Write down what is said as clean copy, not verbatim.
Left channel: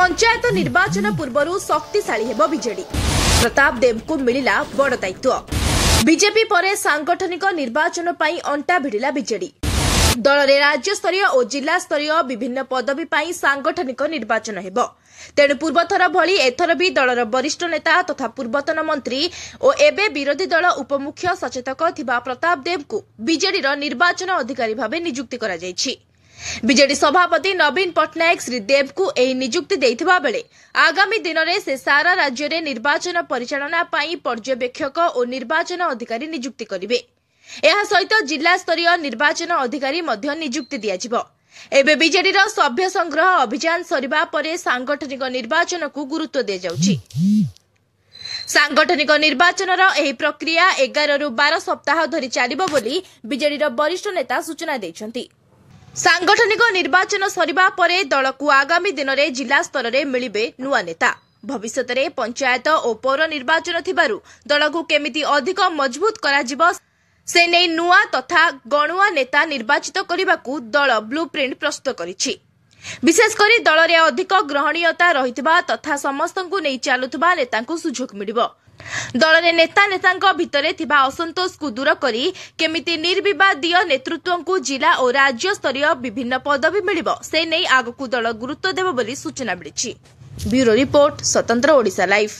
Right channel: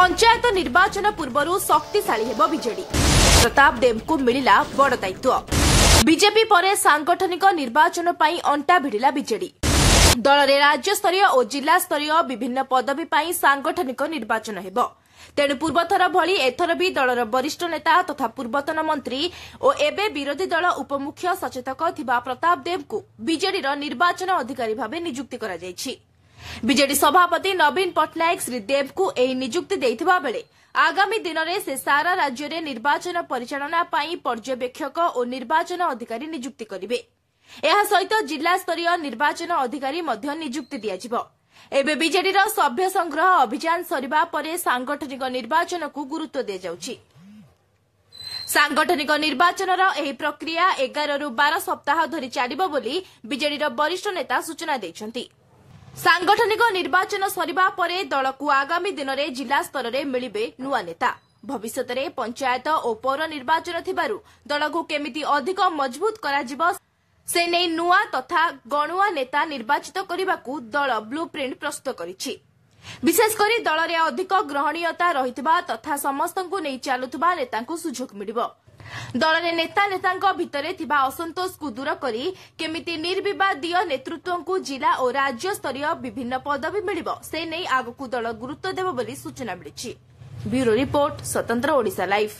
पंचायत निर्वाचन पूर्व शक्तिशाली हेब बीजेडी प्रताप देव को मिला बड़ दायित्व। बीजेपी पर सांगठनिक निर्वाचन पर अंटा भिड़ा बीजेडी दल में राज्यस्तरीय और जिला स्तरीय विभिन्न पदवी पर सांगठनिक निर्वाचन हेब। तेणु पूर्वथर भली एथर भी दलर वरिष्ठ नेता तथा पूर्वतन मंत्री और एबे विरोधी दल उपमुख्य सचेतक थिबा प्रताप देव को बीजेडी निर्वाचन अधिकारी भाव नियुक्ति करा जायछि। बीजेडी सभापति नवीन पट्टनायक श्री देव को एही नियुक्ति देइथिबा बेले आगामी दिन में से सारा राज्य में निर्वाचन परिचालना पाई पर्यवेक्षक और निर्वाचन अधिकारी नियुक्ति करिवे। एहा सहित जिला स्तरीय निर्वाचन अधिकारी मध्य नियुक्ति दियाजिबो। एबे बीजेडी सभ्य संग्रह अभियान सरिबा परे सांगठनिक निर्वाचन को गुरुत्व दिया जाउछि। सांगठनिक निर्वाचन एही प्रक्रिया 11 रु 12 सप्ताह धरी चलिबो बोली बीजेडी वरिष्ठ नेता सूचना दैछन्ति। सांगठनिक निर्वाचन सरिबा परे दल को आगामी दिन में जिला स्तर में मिलिबे नुआ नेता। भविष्य में पंचायत और पौर निर्वाचन थिबारु दल को केमिति अधिक मजबूत कराजिबो से नहीं नुआ तथा गणुआ नेता निर्वाचित करने को दल ब्लूप्रिंट प्रस्तुत करिछि। विशेषकर दल में अधिक ग्रहणीयता रहितबा तथा समस्त को नहीं चलुवा नेता को सुजोग मिलिबो। दल में नेता भितरे थिबा असंतोष को दूर करी केमिति निर्विवादीय नेतृत्व को जिला और राज्य स्तरीय विभिन्न पदवी मिलिबो से नहीं आगकू दल गुरुत्व देबो बोली सूचना मिलिछि। ब्यूरो रिपोर्ट स्वतंत्र ओडिशा लाइव।